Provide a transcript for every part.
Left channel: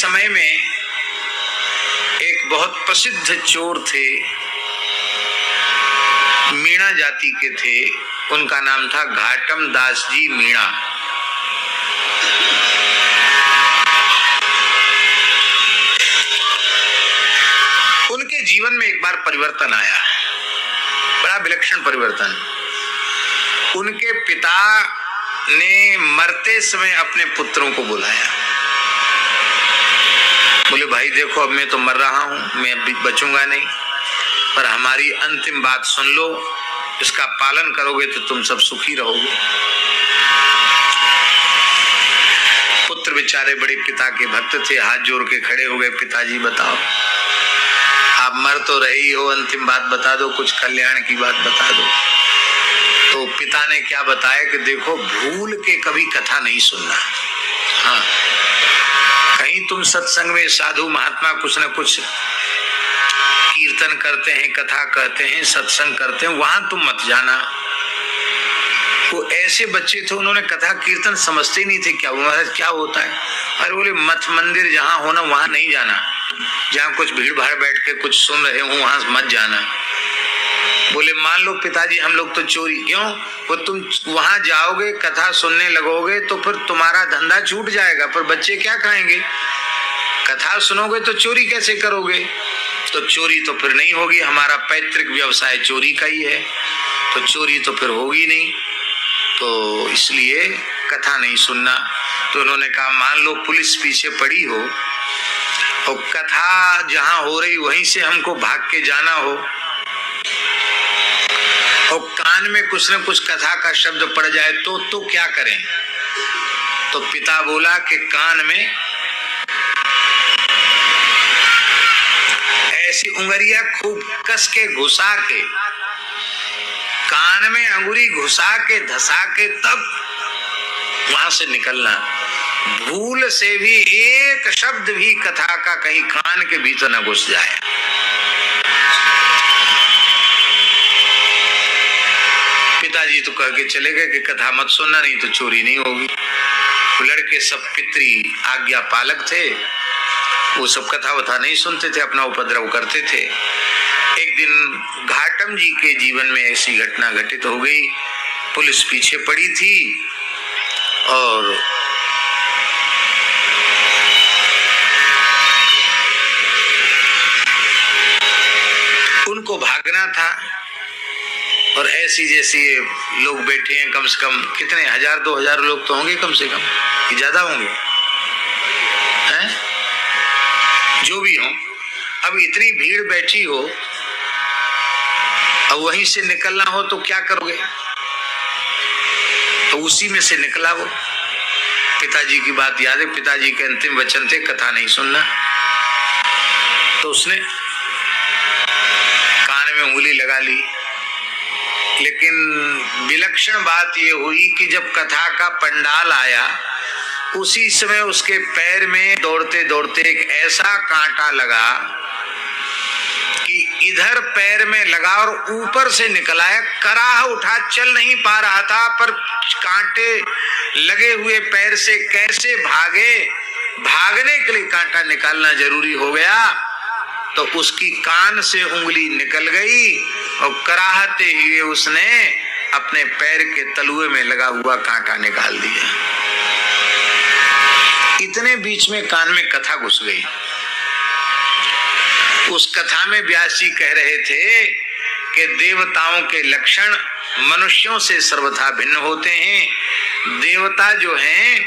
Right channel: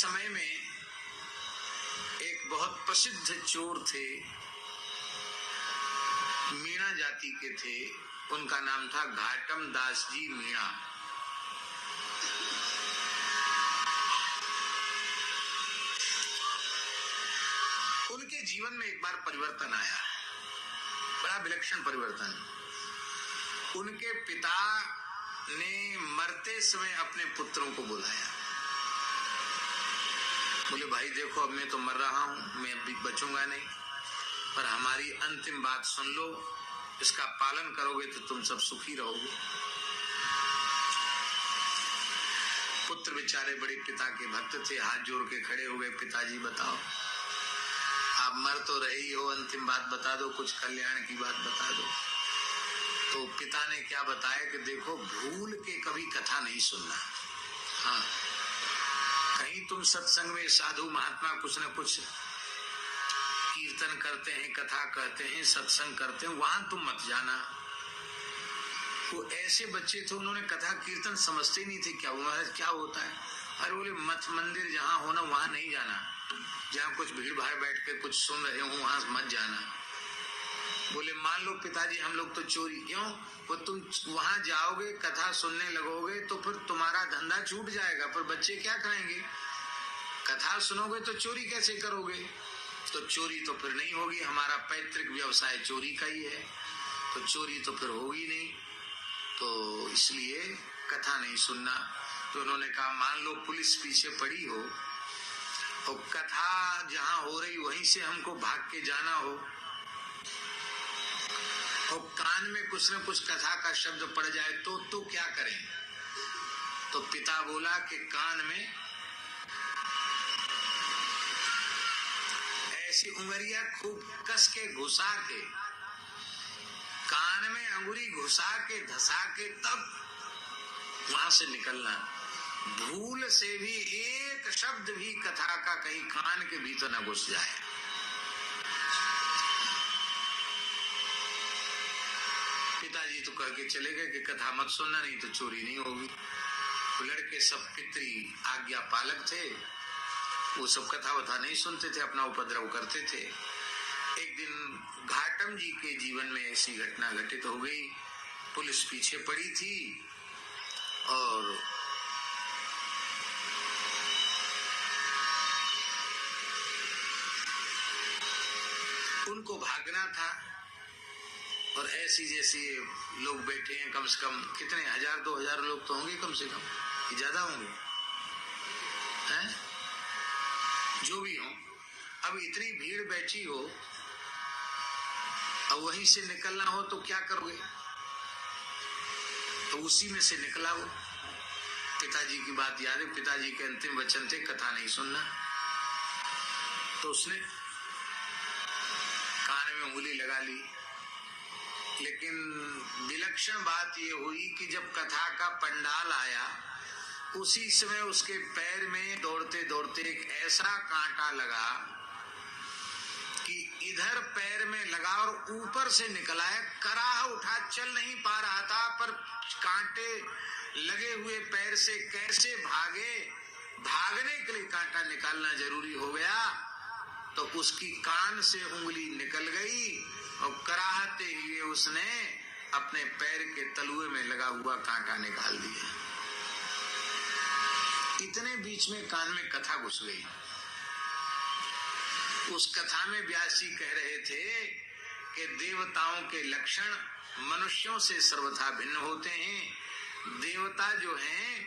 समय में एक बहुत प्रसिद्ध चोर थे, मीणा जाति के थे। उनका नाम था घाटम दास जी मीणा। उनके जीवन में एक बार परिवर्तन आया, बड़ा विलक्षण परिवर्तन। उनके पिता ने मरते समय अपने पुत्रों को बुलाया, बोले भाई देखो अब मैं तो मर रहा हूं, मैं अब बचूंगा नहीं, पर हमारी अंतिम बात सुन लो, इसका पालन करोगे तो तुम सब सुखी रहोगे। पुत्र बेचारे बड़े पिता के भक्त थे, हाथ जोड़ के खड़े हो गए, पिताजी बताओ, आप मर तो रही हो, अंतिम बात बता दो, कुछ कल्याण की बात बता दो। तो पिता ने क्या बताया कि देखो भूल के कभी कथा नहीं सुनना। हाँ, कहीं तुम सत्संग में साधु महात्मा कुछ न कुछ कीर्तन करते हैं, कथा कहते हैं, सत्संग करते हैं, वहां तुम मत जाना। वो ऐसे बच्चे थे, उन्होंने कथा कीर्तन समझते ही नहीं थे क्या महाराज क्या होता है। अरे बोले मठ मंदिर जहां होना वहां नहीं जाना, जहां कुछ भीड़ भाड़ बैठ के कुछ सुन रहे हो वहां मत जाना। बोले मान लो पिताजी हम लोग तो चोरी, क्यों? वो तुम वहां जाओगे कथा सुनने लगोगे तो फिर तुम्हारा धंधा छूट जाएगा, पर बच्चे क्या खाएंगे? कथा सुनोगे तो चोरी कैसे करोगे? तो चोरी तो फिर नहीं होगी, हमारा पैतृक व्यवसाय चोरी का ही है, तो चोरी तो फिर होगी नहीं, तो इसलिए कथा नहीं सुनना। तो उन्होंने कहा मान लो पुलिस पीछे पड़ी हो और कथा जहां हो रही वहीं से हमको भाग के जाना हो और कान में कुछ न कुछ कथा का शब्द पड़ जाए तो क्या करें? तो पिता बोला कि कान में ऐसी उंगलियां खूब कस के घुसा के, कान में अंगुरी घुसा के धसा के तब वहां से निकलना। भूल से भी एक शब्द भी कथा का कहीं कान के भीतर न घुस जाए। पिताजी तो कह के चले गए कि कथा मत सुनना, नहीं तो चोरी नहीं होगी। लड़के सब पितरी आज्ञा पालक थे, वो सब कथा वथा नहीं सुनते थे, अपना उपद्रव करते थे। एक दिन घाटम जी के जीवन में ऐसी घटना घटित हो गई, पुलिस पीछे पड़ी थी और उनको भागना था और ऐसी जैसी लोग बैठे हैं, कम से कम कितने 1000-2000 लोग तो होंगे कम से कम, कि ज्यादा होंगे हैं? जो भी हो, अब इतनी भीड़ बैठी हो और वहीं से निकलना हो तो क्या करोगे? तो उसी में से निकला वो। पिताजी की बात याद है, पिताजी के अंतिम वचन थे कथा नहीं सुनना। तो उसने कान में उंगली लगा ली, लेकिन विलक्षण बात यह हुई कि जब कथा का पंडाल आया उसी समय उसके पैर में दौड़ते दौड़ते एक ऐसा कांटा लगा कि इधर पैर में लगा और ऊपर से निकला है। कराह उठा, चल नहीं पा रहा था, पर कांटे लगे हुए पैर से कैसे भागे, भागने के लिए कांटा निकालना जरूरी हो गया। तो उसकी कान से उंगली निकल गई और कराहते हुए उसने अपने पैर के तलुए में लगा हुआ कांटा निकाल दिया। इतने बीच में कान में कथा घुस गई। उस कथा में व्यास जी कह रहे थे कि देवताओं के लक्षण मनुष्यों से सर्वथा भिन्न होते हैं। देवता जो हैं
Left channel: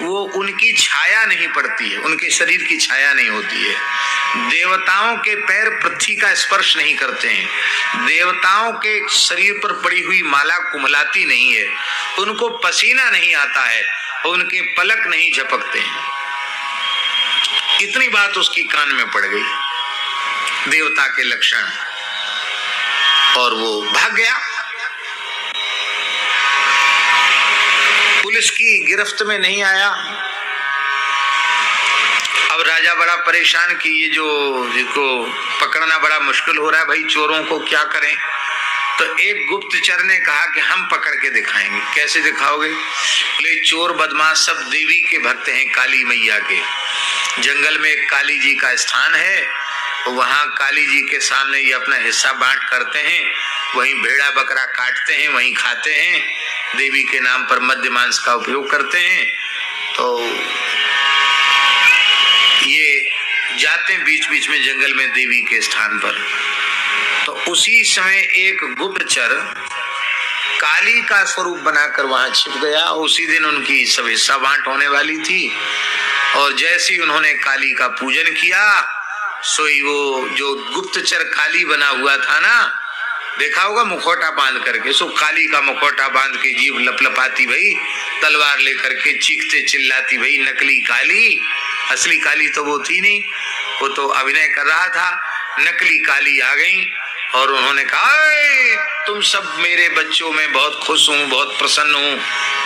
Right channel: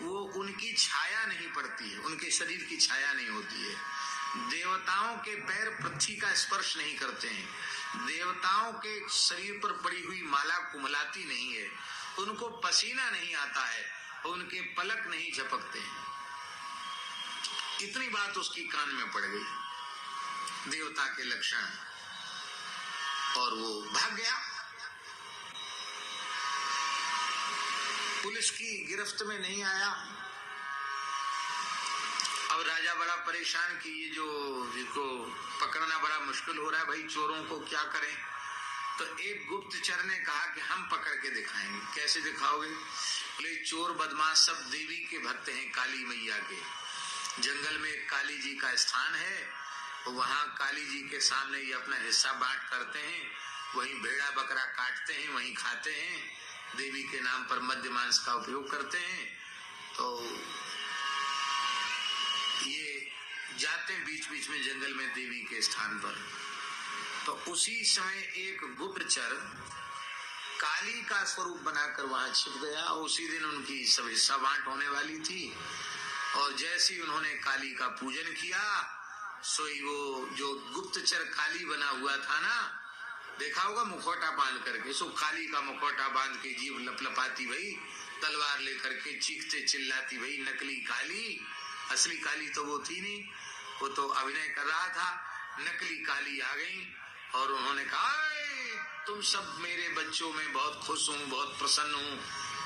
वो उनकी छाया नहीं पड़ती है, उनके शरीर की छाया नहीं होती है। देवताओं के पैर पृथ्वी का स्पर्श नहीं करते हैं। देवताओं के शरीर पर पड़ी हुई माला कुमलाती नहीं है, उनको पसीना नहीं आता है, उनके पलक नहीं झपकते हैं। इतनी बात उसकी कान में पड़ गई, देवता के लक्षण, और वो भाग गया। पुलिस की गिरफ्त में नहीं आया। अब राजा बड़ा परेशान कि ये जो जिसको पकड़ना बड़ा मुश्किल हो रहा है, भाई चोरों को क्या करें? तो एक गुप्तचर ने कहा कि हम पकड़ के दिखाएंगे। कैसे दिखाओगे? बोले चोर बदमाश सब देवी के भक्त हैं, काली मैया के, जंगल में एक काली जी का स्थान है, वहां काली जी के सामने ये अपना हिस्सा बांट करते हैं, वहीं भेड़ा बकरा काटते हैं, वहीं खाते हैं, देवी के नाम पर मद्य मांस का उपयोग करते हैं। तो ये जाते हैं बीच बीच में जंगल में देवी के स्थान पर। तो उसी समय एक गुप्तचर काली का स्वरूप बनाकर वहां छिप गया। उसी दिन उनकी सब हिस्सा बांट होने वाली थी, और जैसे ही उन्होंने काली का पूजन किया, सोई वो जो गुप्तचर काली बना हुआ था ना, देखा होगा मुखौटा बांध करके, सो काली का मुखौटा बांध के जीभ लपलपाती भाई, तलवार लेकर के चीखते चिल्लाती भाई, नकली काली। असली काली तो वो थी नहीं, वो तो अभिनय कर रहा था। नकली काली आ गई और उन्होंने कहा, तुम सब मेरे बच्चों में बहुत खुश हूँ, बहुत प्रसन्न हूँ,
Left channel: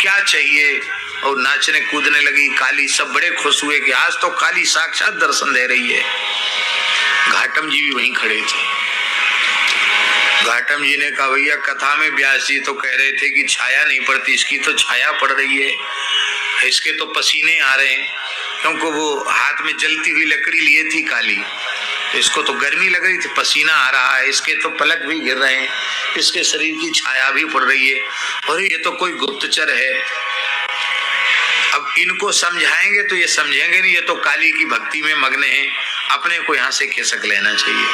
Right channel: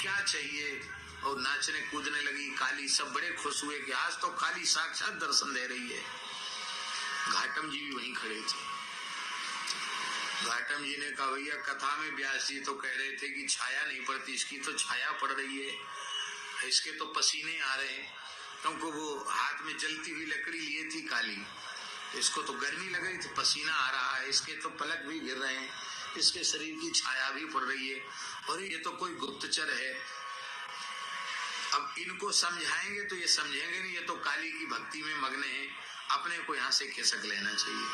क्या चाहिए? और नाचने कूदने लगी काली। सब बड़े खुश हुए कि आज तो काली साक्षात दर्शन दे रही है। घाटम जी भी वहीं खड़े थे। घाटम जी ने कहा, भैया कथा में व्यास जी तो कह रहे थे कि छाया नहीं पड़ती, इसकी तो छाया पड़ रही है, इसके तो पसीने आ रहे हैं, क्योंकि वो हाथ में जलती हुई लकड़ी लिए थी काली, इसको तो गर्मी लग रही थी, पसीना आ रहा है, इसके तो पलक भी गिर रहे हैं, इसके शरीर की छाया भी पड़ रही है, और ये तो कोई गुप्तचर है। अब इनको समझाएंगे तो ये समझेंगे नहीं, ये तो काली की भक्ति में मग्न है, अपने को यहाँ से खिसक लेना चाहिए।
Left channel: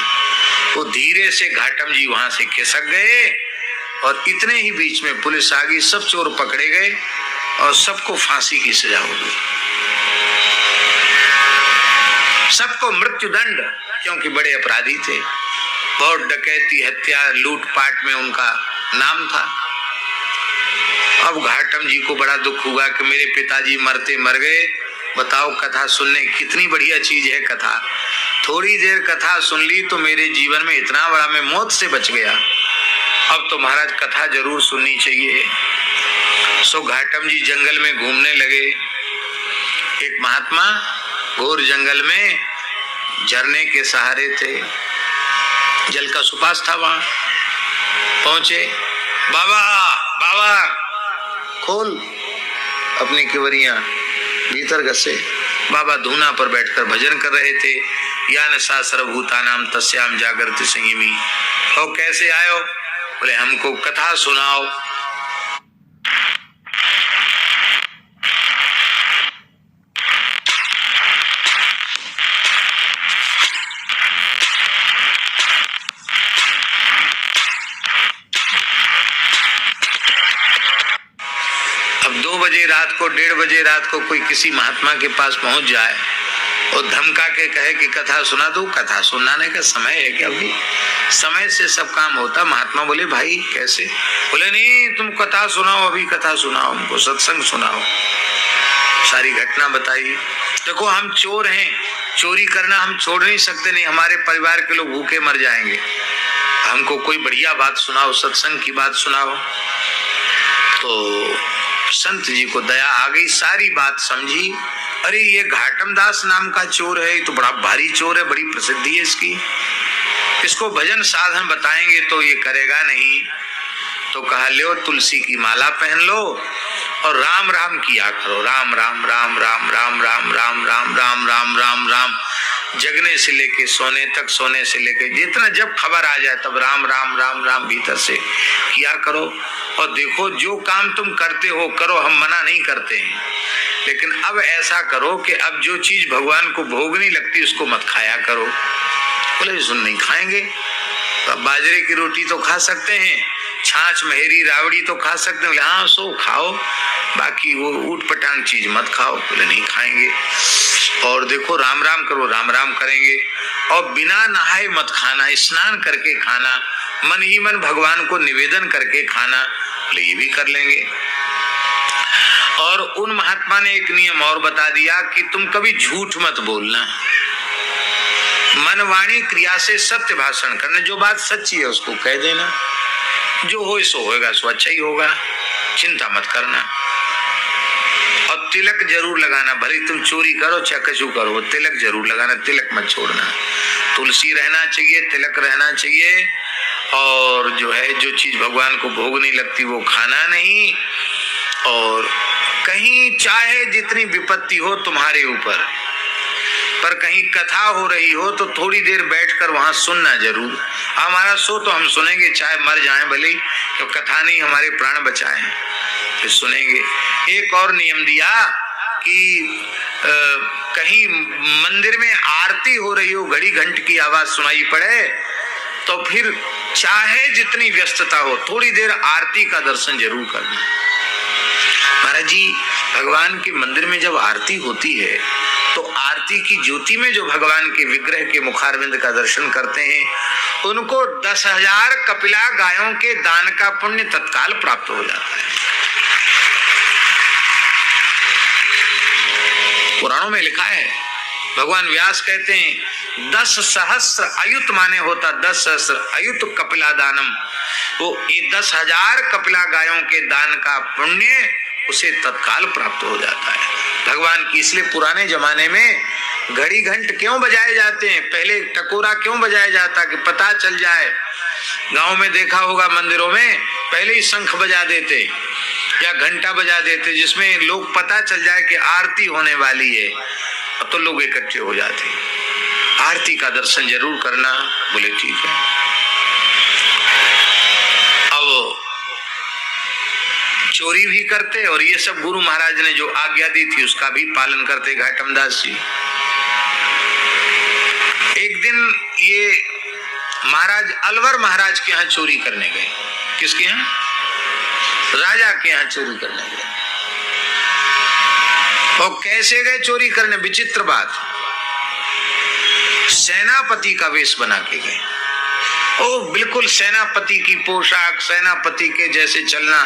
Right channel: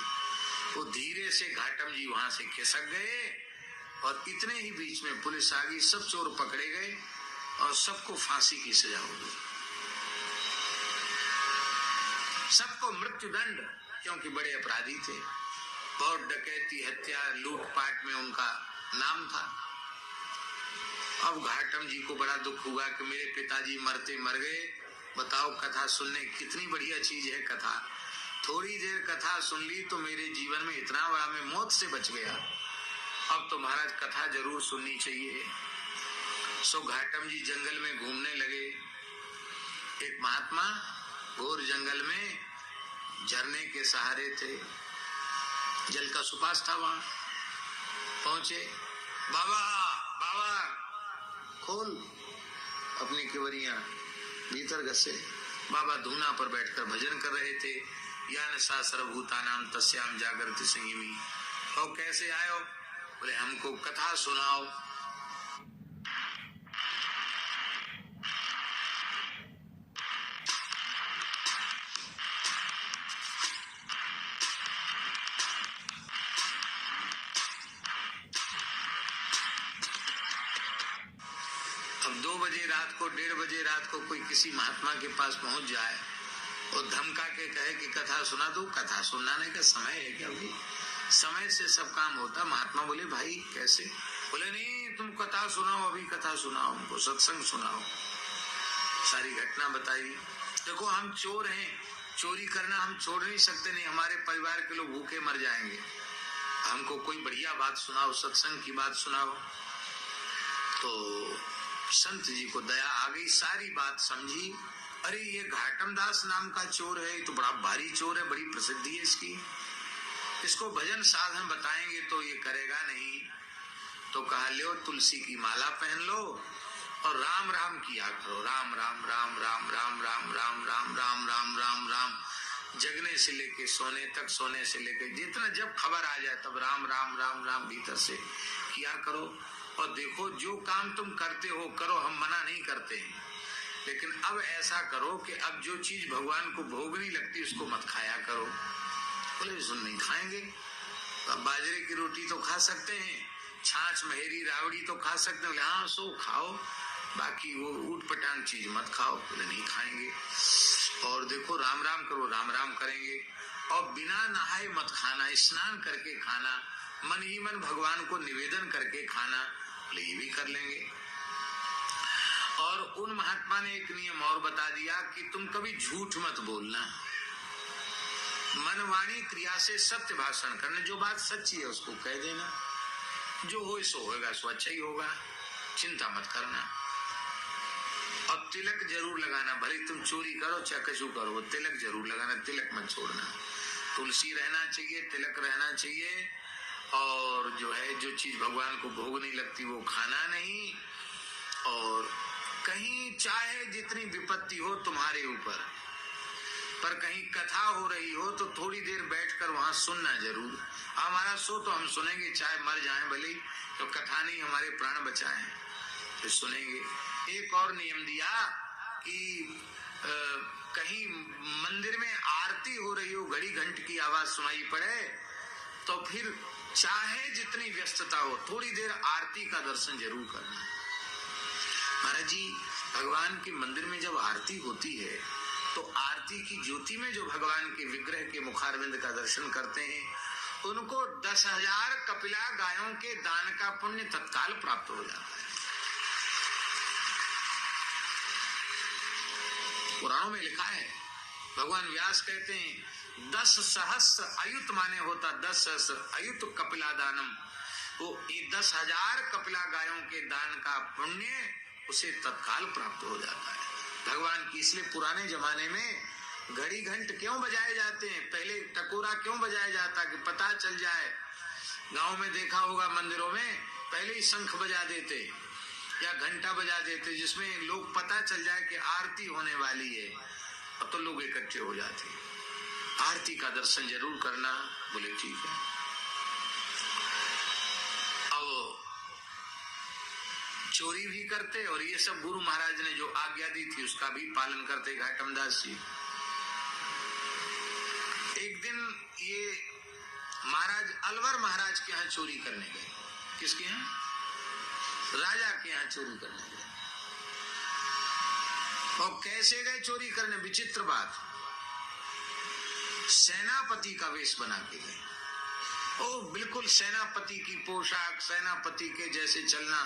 तो धीरे से घाटम जी वहां से खिसक गए, और इतने ही बीच में पुलिस आ गई, सब चोर पकड़े गए और सबको फांसी की सजा हो गई, सबको मृत्युदंड, क्योंकि बड़े अपराधी थे, बहुत डकैती हत्या लूटपाट में उनका नाम था। अब घाटम जी को बड़ा दुख हुआ कि मेरे पिताजी मरते मर गए। बताओ, कथा सुनने कितनी बढ़िया चीज है कथा। थोड़ी देर कथा सुन ली तो मेरे जीवन में इतना बड़ा, मैं मौत से बच गया। अब तो महाराज कथा जरूर सुननी चाहिए। सो घाटम जी जंगल में घूमने लगे। एक महात्मा घोर जंगल में झरने के सहारे थे, जल का सुपास था, वहां पहुंचे। बाबा बाबा खोल अपनी किवरियां, भीतर घसे। बाबा धूना पर बैठकर भजन कर रहे थे। यान सा सर्वभूतानाम तस्याम जागृति संयमी। और कैसे आयो? बोले हमको कथा सुनाओ। अब 2 बजे रात को, 1:30 बजे रात को कोई किसी महात्मा के पास पहुंच जाए और धमका के कहे कि कथा सुना दो। कथा सुनाने का समय है क्या? अभी समय से सब काम होता। महात्मा बोले भाई कैसे? बोले नहीं, तुम कथा सुनाओ, अभी कथा सुनाओ, हमको सत्संग सुनाओ। सारी घटना बताई। देखो हम चोर हैं, चोरी करना हम छोड़ नहीं सकते, नहीं हमारे परिवार के लोग भूखे मर जाएंगे, हमको कोई बढ़िया बात सुनाओ, सत्संग की बात सुनाओ। तो संत जी को दया आ गई, सारी बात समझी। अरे ये घाटम दास नाम का चोर है, ये तो बड़ा भारी चोर है, बड़ी प्रसिद्धि है इसकी, इसको भजन साधन बताएंगे तो ये करेगा नहीं। तो कहा लो तुलसी की माला पहन लो और राम राम किया करो, राम राम राम राम राम राम राम राम राम राम राम राम, जगने से लेके सोने तक, सोने से लेके जितना जब खबर आ जाए तब राम राम राम राम भीतर से किया करो। और देखो जो काम तुम करते हो करो, हम मना नहीं करते हैं, लेकिन अब ऐसा करो कि अब जो चीज भगवान को भोग नहीं लगती उसको मत खाया करो। बोले सुन नहीं खाएंगे, तो बाजरे की रोटी तो खा सकते हैं, छाछ महेरी रावड़ी तो खा सकते हैं। बोले हाँ सो खाओ, बाकी वो ऊट पटांग चीज मत खाओ। बोले नहीं खाएंगे। और देखो राम राम करो, राम राम करेंगे। और बिना नहाए मत खाना, स्नान करके खाना, मन ही मन भगवान को निवेदन करके खाना। बोले ये भी कर लेंगे। और उन महात्मा ने एक नियम और बता दिया कि तुम कभी झूठ मत बोलना, मन वाणी क्रिया से सत्य भाषण करना, जो बात सच्ची है उसको कह देना, जो हो सो होगा, सो अच्छा ही होगा, चिंता मत करना। और तिलक जरूर लगाना, भले तुम चोरी करो चाहे कछु करो, तिलक जरूर लगाना, तिलक मत छोड़ना। तुलसी रहना चाहिए, तिलक रहना चाहिए। और जो है जो चीज भगवान को भोग नहीं लगती वो खाना नहीं। और कहीं चाहे जितनी विपत्ति हो तुम्हारे ऊपर, पर कहीं कथा हो रही हो तो थोड़ी देर बैठकर वहां सुनना जरूर। हमारा सो तो हम सुनेंगे, चाहे मर जाएं भले, तो कथा नहीं हमारे प्राण बचाए, फिर सुनेंगे। एक और नियम दिया कि कहीं मंदिर में आरती हो रही हो, घड़ी घंट की आवाज सुनाई पड़े, तो फिर चाहे जितनी व्यस्तता हो थोड़ी देर आरती का दर्शन जरूर करना। महाराज जी, भगवान के मंदिर में जब आरती होती है तो आरती की ज्योति में जो भगवान के विग्रह के मुखारविंद का दर्शन करते हैं उनको 10,000 कपिला गायों के दान का पुण्य तत्काल प्राप्त हो जाता है। पुराणों में लिखा है, भगवान व्यास कहते हैं 10 सहस्र अयुत माने होता 10 सहस्र अयुत कपिला दानम, वो 10,000 कपिला गायों के दान का पुण्य उसे तत्काल प्राप्त हो जाता है भगवान की। इसलिए पुराने जमाने में घड़ी घंट क्यों बजाए जाते हैं, पहले टकोरा क्यों बजाया जाता कि पता चल जाए। गांव में देखा होगा मंदिरों में पहले ही शंख बजा देते या घंटा बजा देते, जिसमें लोग पता चल जाए कि आरती होने वाली है, तो लोग इकट्ठे हो जाते। आरती का दर्शन जरूर करना। बोले ठीक है। अब चोरी भी करते और ये सब गुरु महाराज ने जो आज्ञा दी थी उसका भी पालन करते घाटम दास जी। एक दिन ये महाराज अलवर महाराज के यहाँ चोरी करने गए। किसके यहाँ? राजा के यहाँ चोरी करने गए। और कैसे गए चोरी करने? विचित्र बात, सेनापति का वेश बना के गए। ओ बिल्कुल सेनापति की पोशाक, सेनापति के जैसे चलना।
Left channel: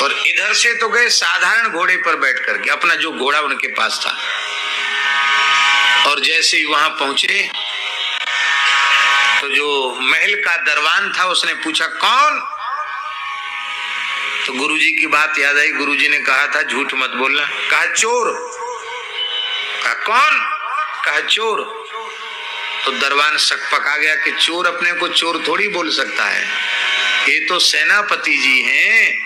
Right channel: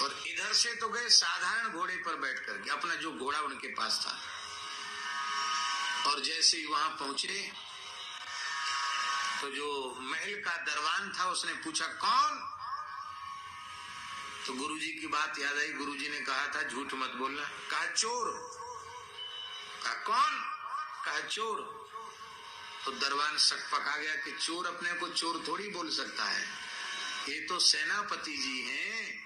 और इधर से तो गए साधारण घोड़े पर बैठ करके, अपना जो घोड़ा उनके पास था। और जैसे ही वहां पहुंचे तो जो महल का दरबान था उसने पूछा कौन? तो गुरुजी की बात याद आई। गुरुजी ने कहा था झूठ मत बोलना। कहा चोर। कहा कौन? कहा चोर। तो दरबान शक पका गया कि चोर अपने को चोर थोड़ी बोल सकता है, ये तो सेनापति जी हैं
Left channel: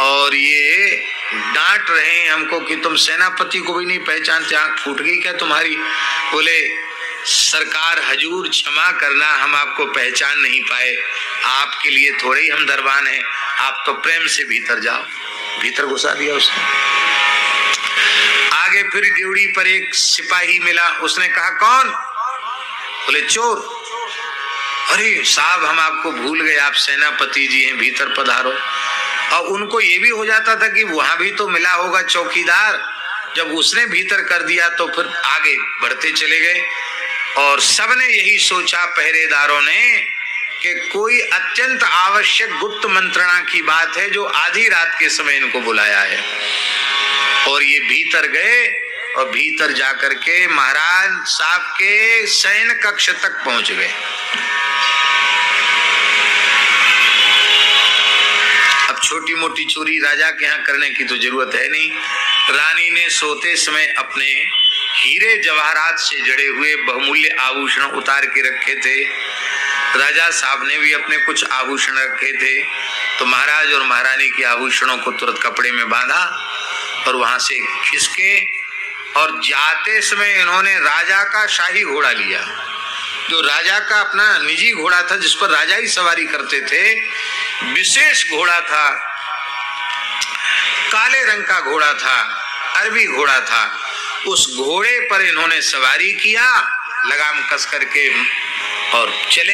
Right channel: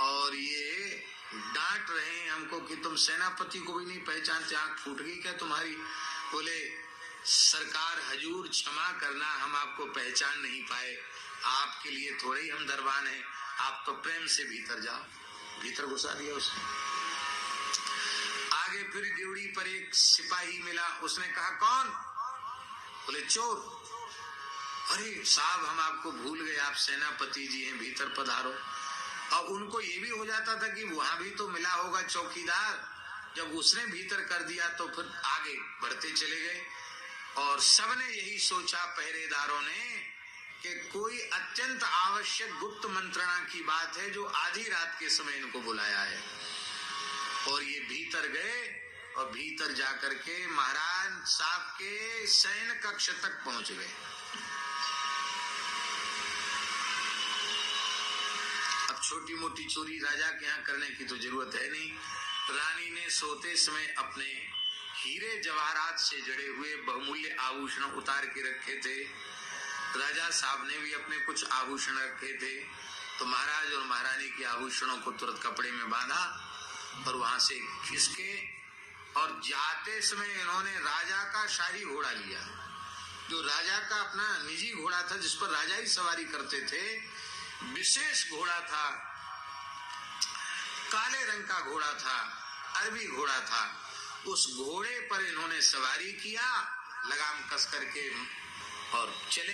और ये डांट रहे हैं हमको कि तुम सेनापति को भी नहीं पहचानते, आंख फूट गई क्या तुम्हारी? बोले सरकार हजूर क्षमा करना, हम आपको पहचान नहीं पाए, आपके लिए थोड़े ही हम दरबान हैं, आप तो प्रेम से भीतर जाओ। भीतर घुसा दिया उसने। आगे फिर ड्यूटी पर एक सिपाही मिला, उसने कहा कौन? बोले चोर। अरे साहब हम आपको भूल गए, आप सेनापति जी हैं, भीतर पधारो। और उनको ये भी हो जाता था कि वहां भी तो मिला होगा चौकीदार, जब उसने भीतर कर दिया तो फिर आगे बढ़ते चले गए। और सबने यही सोचा पहरेदारों ने कि कोई अत्यंत आवश्यक गुप्त मंत्रणा की बात है जो आधी रात के समय इनको बुलाया है। और ये भीतर गए और भीतर जाकर के महाराज साहब के शयन कक्ष तक पहुंच गए। अब छोटी मोटी चोरी राजा के यहाँ करने की तो जरूरत है नहीं। रानी ने सोते समय अपने हीरे जवाहरात से जड़े हुए बहुमूल्य आभूषण उतार के रखे थे। राजा साहब ने भी अपने कुछ आभूषण रखे थे। तो महाराज और महारानी के आभूषणों को तुरंत कपड़े में बांधा और वहां से खिसके, और जाते समय इन्होंने राजा का शाही घोड़ा लिया, जो राजा का अपना निजी घोड़ा था जिस पर राजा ही सवारी करते थे। विशेष घोड़ा था, काले रंग का घोड़ा था, अरबी घोड़ा था। उस घोड़े पर इन्होंने सवारी किया, लगाम कस करके और चले।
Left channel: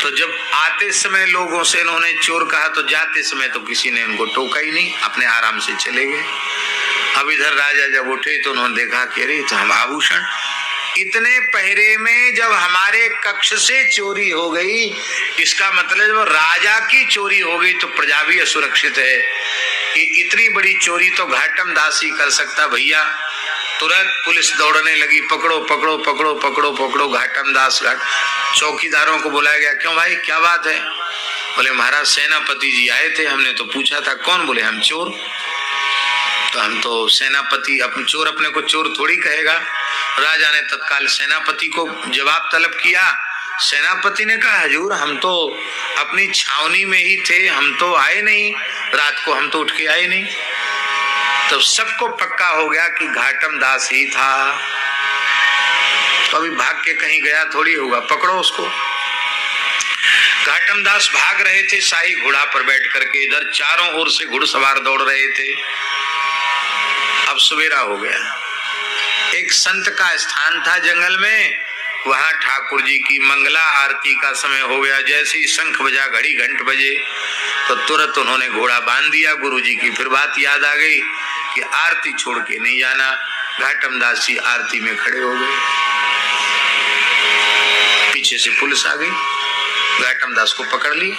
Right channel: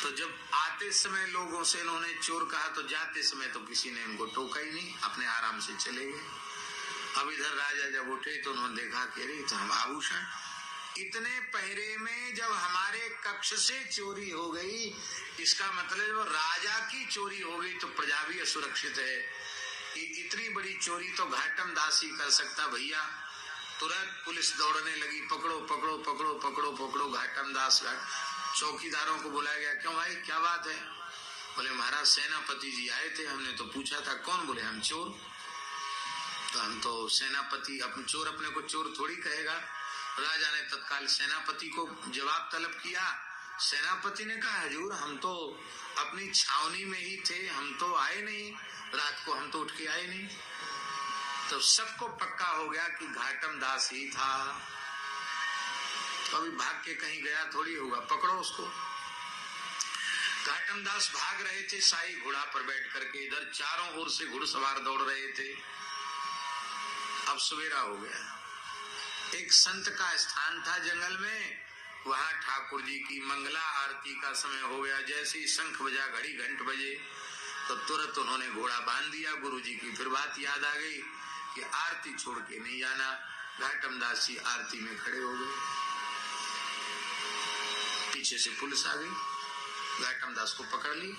तो जब आते समय लोगों से इन्होंने चोर कहा तो जाते समय तो किसी ने इनको टोका ही नहीं, अपने आराम से चले गए। अब इधर राजा जब उठे तो उन्होंने देखा कि अरे तो हम आभूषण, इतने पहरे में जब हमारे कक्ष से चोरी हो गई, इसका मतलब जब राजा की चोरी हो गई तो प्रजा भी असुरक्षित है। कि इतनी बड़ी चोरी तो घाटम दास ही कर सकता। भैया तुरंत पुलिस दौड़ने लगी, पकड़ो पकड़ो पकड़ो पकड़ो पकड़ो घाटम दास। चौकीदारों को बुलाया गया, क्यों भाई क्या बात है? बोले महाराज सेनापति जी आए थे, हमने तो पूछा था कौन? बोले हम चोर। तो हम तो सेनापति, अपन चोर अपने को चोर थोड़ी कहेगा। राजा ने तत्काल सेनापति को जवाब तलब किया। सेनापति ने कहा हजूर हम तो अपनी छावनी में ही थे, हम तो आए नहीं, रात को हम तो उठ के आए नहीं। तो सबको पक्का हो गया कि घाटम दास ही था। तो अभी भाग के कहीं गया थोड़ी होगा, पकड़ो उसको। घाटम दास भाग रहे थे शाही घोड़ा पर बैठ करके, इधर चारों ओर से घुड़सवार दौड़ रहे थे। अब सवेरा हो गया। एक संत का स्थान था जंगल में, वहां ठाकुर जी की मंगला आरती का समय हो गया। जैसे ही शंख बजा, घड़ी घंट बजे, तो तुरंत उन्होंने घोड़ा बांध दिया। गुरु जी की फिर बात याद आ गई कि आरती छोड़ के नहीं जाना। घाटम दास जी आरती में खड़े हो गए। पीछे से पुलिस आ गई, घाटम दास को पकड़ लिया।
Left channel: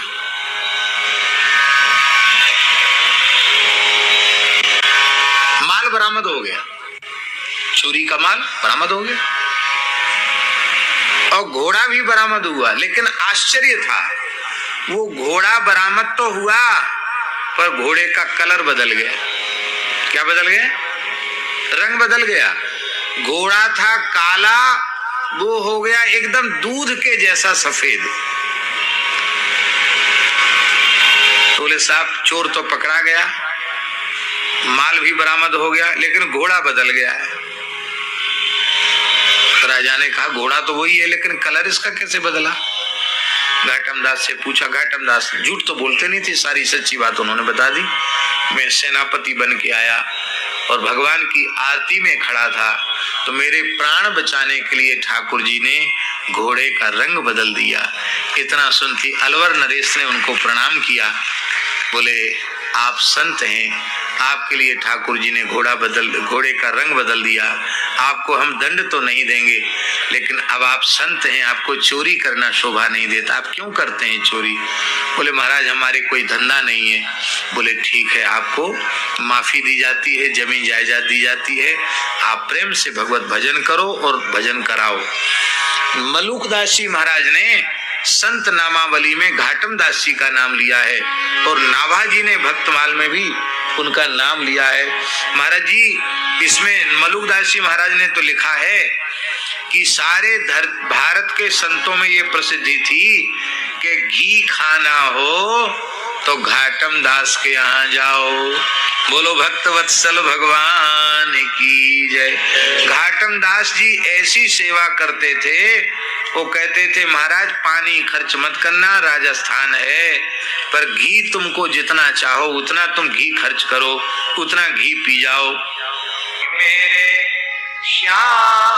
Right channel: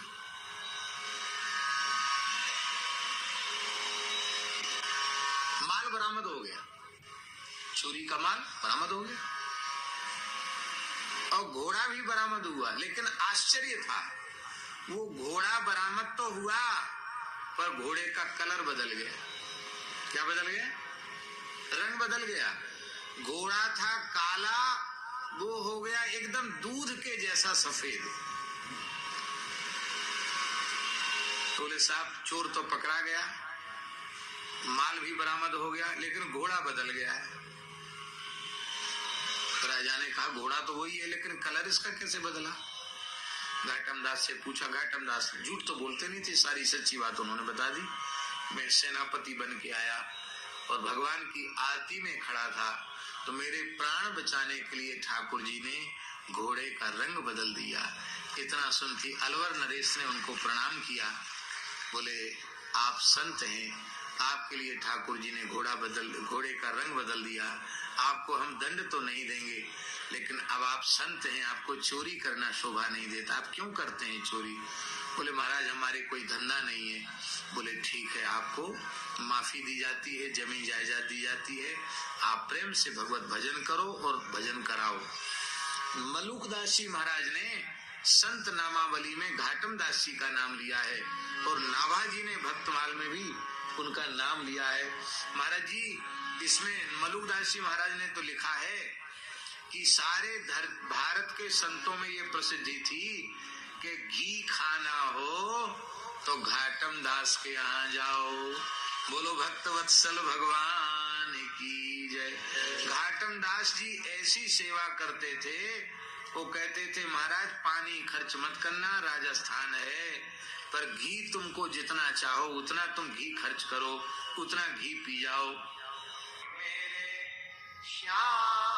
माल बरामद हो गया, चोरी का माल बरामद हो गया और घोड़ा भी बरामद हुआ। लेकिन आश्चर्य था, वो घोड़ा बरामद तो हुआ पर घोड़े का कलर बदल गया। क्या बदल गया? रंग बदल गया। घोड़ा था काला, वो हो गया एकदम दूध के जैसा सफेद। बोले साहब, चोर तो पकड़ा गया, माल भी बरामद हो गया, लेकिन घोड़ा बदल गया है। राजा ने कहा घोड़ा तो वही है, लेकिन कलर इसका कैसे बदला? घाटम दास से पूछा। घाटम दास झूठ तो बोलते नहीं थे, सारी सच्ची बात उन्होंने बता दी। मैं सेनापति बन के आया और भगवान की आरती में खड़ा था, तो मेरे प्राण बचाने के लिए ठाकुर जी ने घोड़े का रंग बदल दिया। इतना सुनती अलवर नरेश ने उनको प्रणाम किया। बोले आप संत हैं, आपके लिए ठाकुर जी ने घोड़े का रंग बदल दिया। आपको हम दंड तो नहीं देंगे, लेकिन अब आप संत हैं, आपको चोरी करना शोभा नहीं देता। आप क्यों करते हैं चोरी? बोले महाराज हमारे कोई धंधा नहीं है। बोले ठीक है, आपको माफी दी जाती है, जमीन जायदाद दी जाती है, आप प्रेम से भगवत भजन करो और भजन कराओ। मलुकदास जी महाराज ने संत नामावली में घाटम दास जी का नाम लिया है और नाभाजी ने भक्तमाल में भी उनका नाम लिया है। महाराज जी इसमें मलुकदास जी महाराज ने तो लिखा है कि सारे भारत के संतों में ये प्रसिद्धि थी कि घी खाना हो तो घाटम दास के यहाँ जाओ। बोलो भक्त वत्सल भगवान की जय। घाटम दास जी ऐसी सेवा करते थे, वो कहते थे महाराज पानी खर्च मत करना, राजस्थान है, पर घी तुमको जितना चाहो उतना तुम घी खर्च करो, उतना घी पी जाओ। मेरे श्याम